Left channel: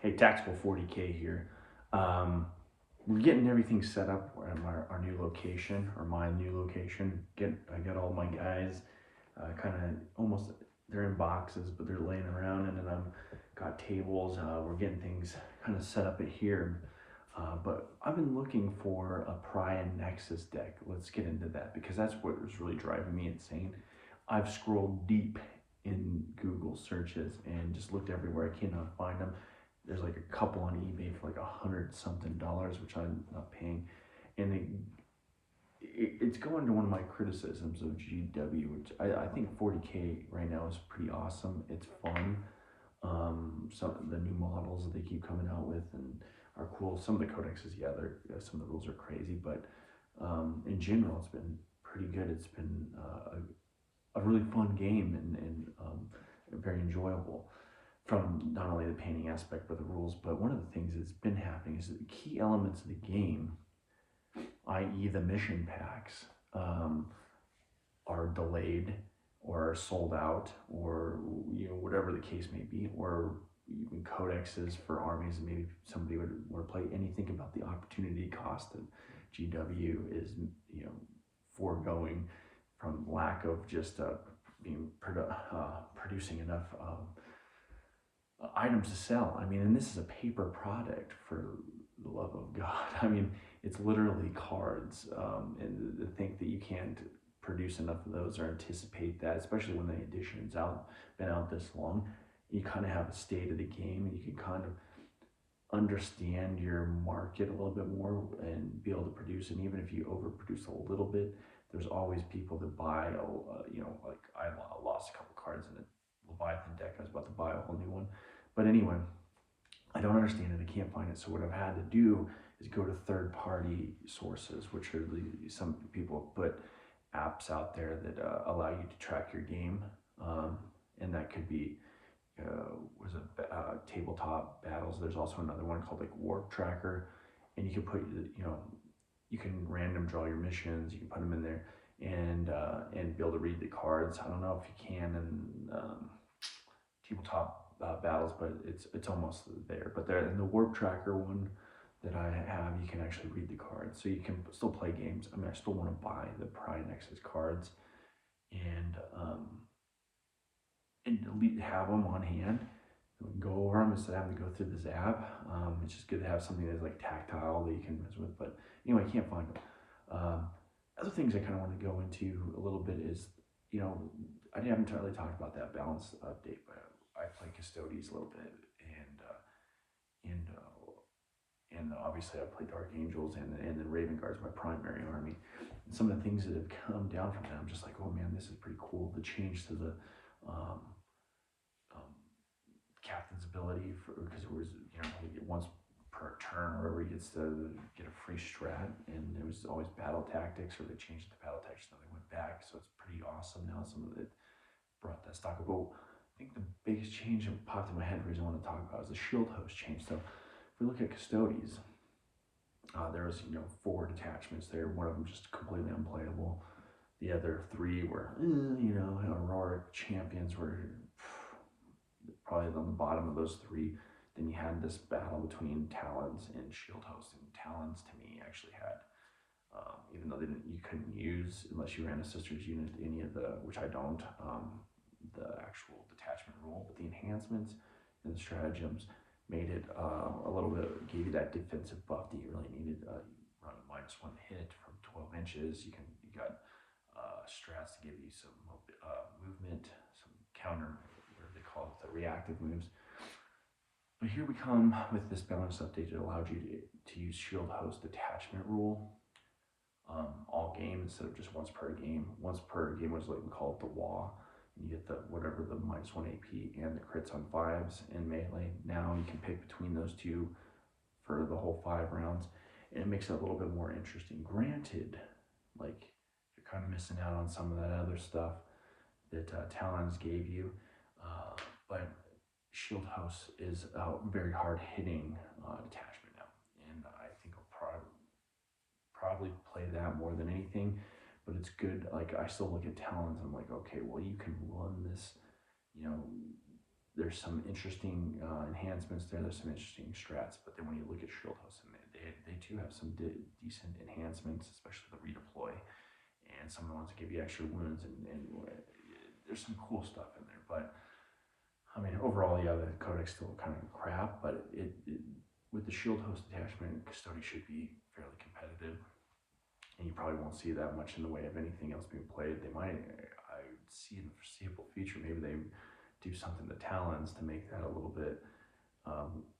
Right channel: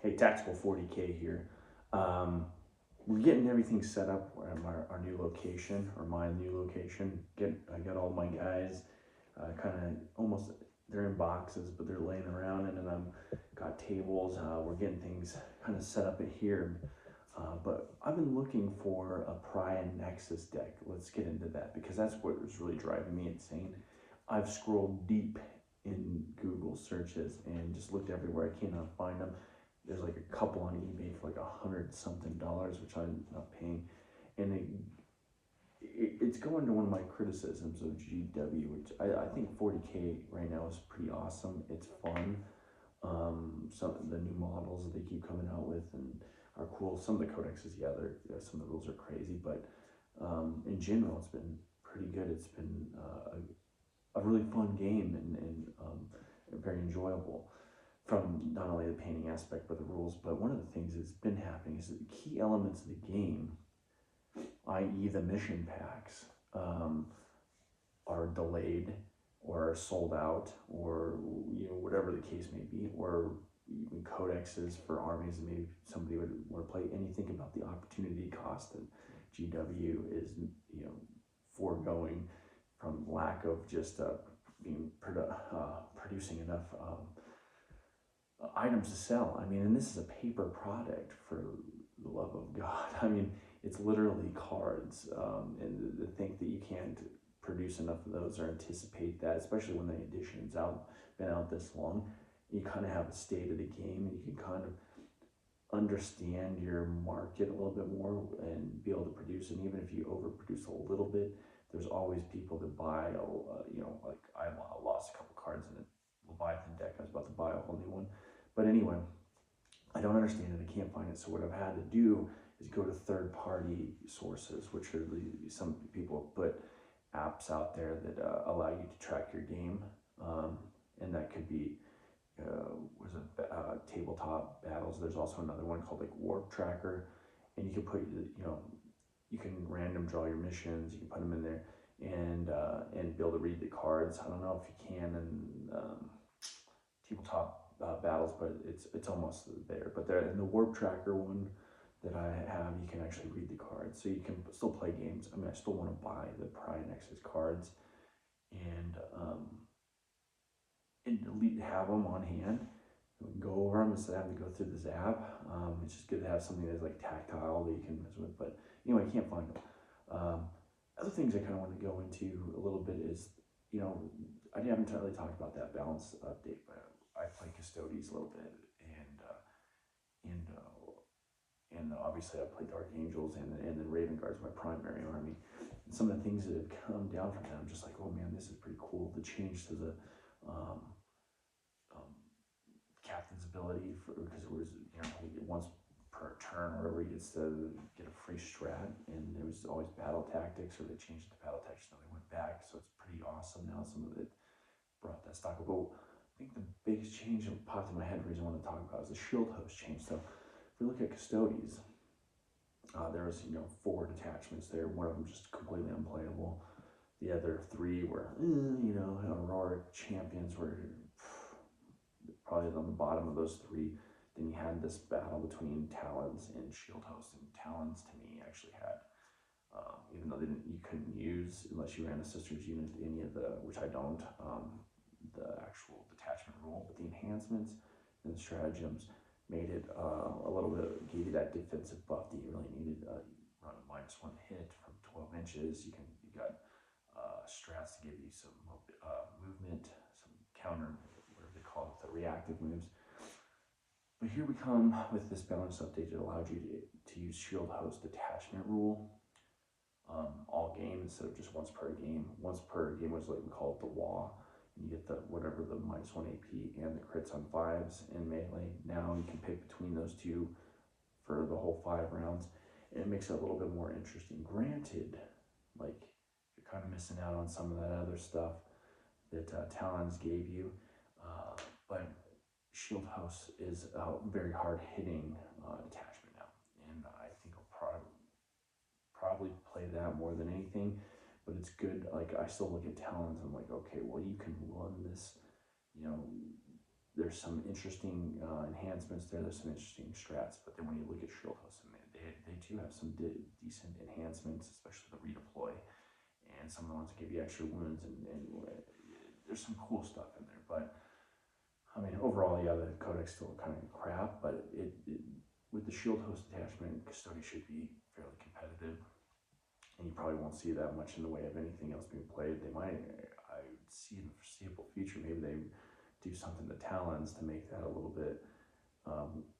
Hey, Tactical 40K here. We're getting everything set up at our new location, or my new location. I got all my guys kind of almost, they're in boxes, but they're laying around, and then I've got tables. We're getting things kind of set up at here. But I've been looking for a Pariah Nexus deck. Let's get into that because that's what was really driving me insane. I've scrolled deep in Google searches and just looked everywhere. I cannot find them. There's like a couple on eBay for like $100-something, which I'm not paying. And it's going to one of my criticisms of GW, which I think 40K right now is pretty awesome. It's fun. Some of the new models that they keep coming out with and are cool. Some of the codexes, yeah, some of the rules are crazy, but in general, it's been pretty good. It's been a really fun game and very enjoyable from not only the painting aspect but the rules. But one of the things that's been happening is that the key elements of the game, i.e. the mission packs, are delayed or are sold out, or whatever the case may be, or even codexes for armies that maybe somebody would want to play. And you think about the opportunity cost that GW is foregoing from lack of just producing enough items to sell. I mean, and this is a paper product, for the love of God. I mean, it's literally cards, and to think that you can't produce enough of those or anticipate that, especially when the edition's been out this long, you kind of have a state of the game, and you can kind of understand your market a little bit more and be able to produce. And even if you overproduce a little bit, there's always people that buy. Like I lost a couple cards in a Leviathan deck. I was about to buy a whole new one, but anyway, I don't understand it. I can't find it. So what I've had to do is go to third-party sources, which are some people put apps out there that allow you to track your game, and that could be tabletop battles. There's also another one called like Warp Tracker, and you can put you can random draw your missions. You can put them in there and be able to read the cards. I don't know if you can in tabletop battles, but it's almost there. But there in the Warp Tracker one that I have, you can actually read the cards, so you can still play games. I mean, I still want to buy the Pariah Nexus cards and have them on hand. We can go over them instead of having to go through the Zab. It's just good to have something that's like tactile that you can mess with. But anyway, I can't find them. Other things I kind of want to go into a little bit is, I haven't really talked about that balance update, but I play Custodes a little bit, and obviously I play Dark Angels, and then Raven Guard's my primary army. And some of the things that have come down from that, I'm just like, oh man, this is pretty cool. The change to the captain's ability, because it was once per turn or whatever, he gets to get a free strat, and there was always battle tactics, or they changed the battle tactics, so they went back. So it's pretty awesome now. Some of it brought that stock up. But I think the biggest change that popped in my head, the reason I want to talk about, is the shield host change. So if we look at Custodes, there was 4 detachments there. One of them just completely unplayable. The other 3 were heroic champions were probably on the bottom of those 3. Then you had this battle between Talons and Shield Host, and Talons to me actually had, even though you couldn't use, unless you ran a Sisters unit, any of the, which I don't, the actual detachment rule, but the enhancements and the stratagems made it a little bit, gave you that defensive buff that you really needed. Run a -1 hit from 12 inches. You got strats to give you some movement, some counter, whatever they call it, the reactive moves. But here we come with this balance update that allowed you to use Shield Host detachment rule all game instead of just once per game. Once per game was like, we call it the WA. And you get the whatever, the -1 AP and the crits on 5s in melee. Now you can pick between those two for the whole 5 rounds, and it makes it a little bit more interesting. Granted, like, you're kind of missing out on some of that other stuff that Talons gave you, but Shield House is a very hard hitting detachment now, and I think I'll probably play that more than anything. But it's good. Like, I still look at Talons and I'm like, okay, well, you can run this, there's some interesting enhancements there. There's some interesting strats, but then when you look at shield hosts, and they too have some decent enhancements, especially the redeploy and some of the ones that give you extra wounds, and there's some cool stuff in there. But I mean, overall, yeah, the codex still kind of crap, but with the shield host attachment, Custody should be fairly competitive, and you probably won't see that much in the way of anything else being played. They might, I see in the foreseeable future, maybe they do something to Talons to make that a little bit,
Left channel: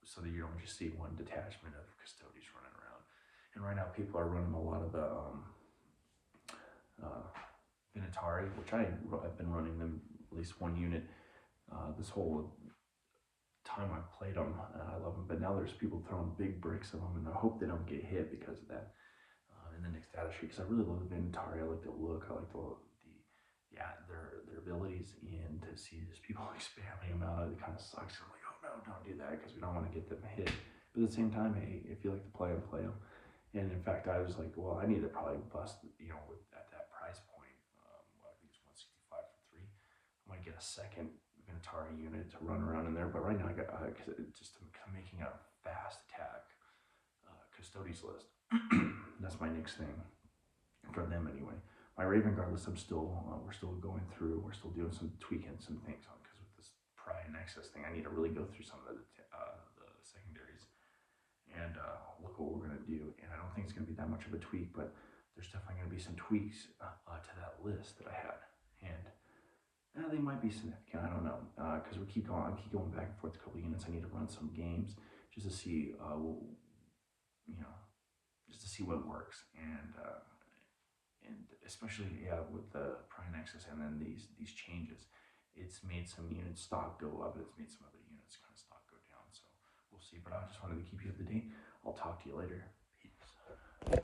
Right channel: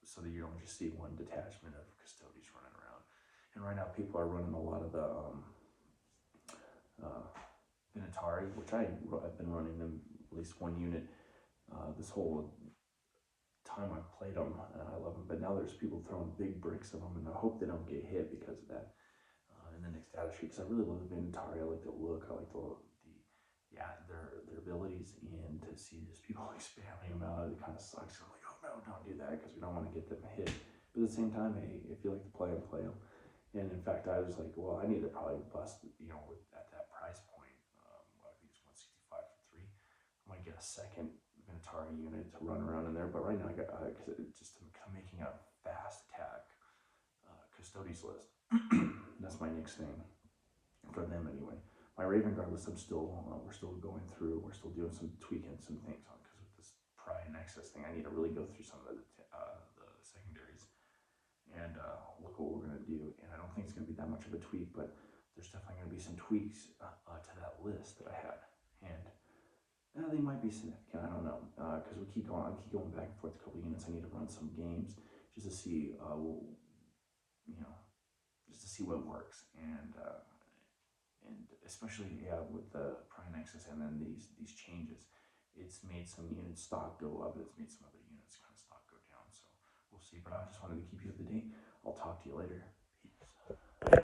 so that you don't just see one detachment of Custodies running around. And right now people are running a lot of the Vinatari, which I've been running them at least one unit this whole time I've played them, and I love them. But now there's people throwing big bricks of them, and I hope they don't get hit because of that in the next data sheet. Because I really love the Vinatari. I like the look. I like their abilities, and to see just people like spamming them out, it kind of sucks. I'm like, oh no, don't do that, because we don't want to get them hit. But at the same time, hey, if you like to play them, play them. And in fact, I was like, well, I need to probably bust, at that price point. I think it's 165 for 3. I might get a second Atari unit to run around in there, but right now I got just I'm making a fast attack Custodes list. That's my next thing for them anyway. My Raven Guard list, we're still going through. We're still doing some tweaking some things on, because with this Pariah Nexus thing, I need to really go through some of the secondaries and look what we're gonna do. And I don't think it's gonna be that much of a tweak, but there's definitely gonna be some tweaks to that list that I had, and they might be significant. I don't know, because I keep going back and forth a couple units. I need to run some games just to see, just to see what works, and especially with the Pariah Nexus, and then these changes, it's made some units stock go up. It's made some other units kind of stock go down. So we'll see. But I just wanted to keep you up to date. I'll talk to you later.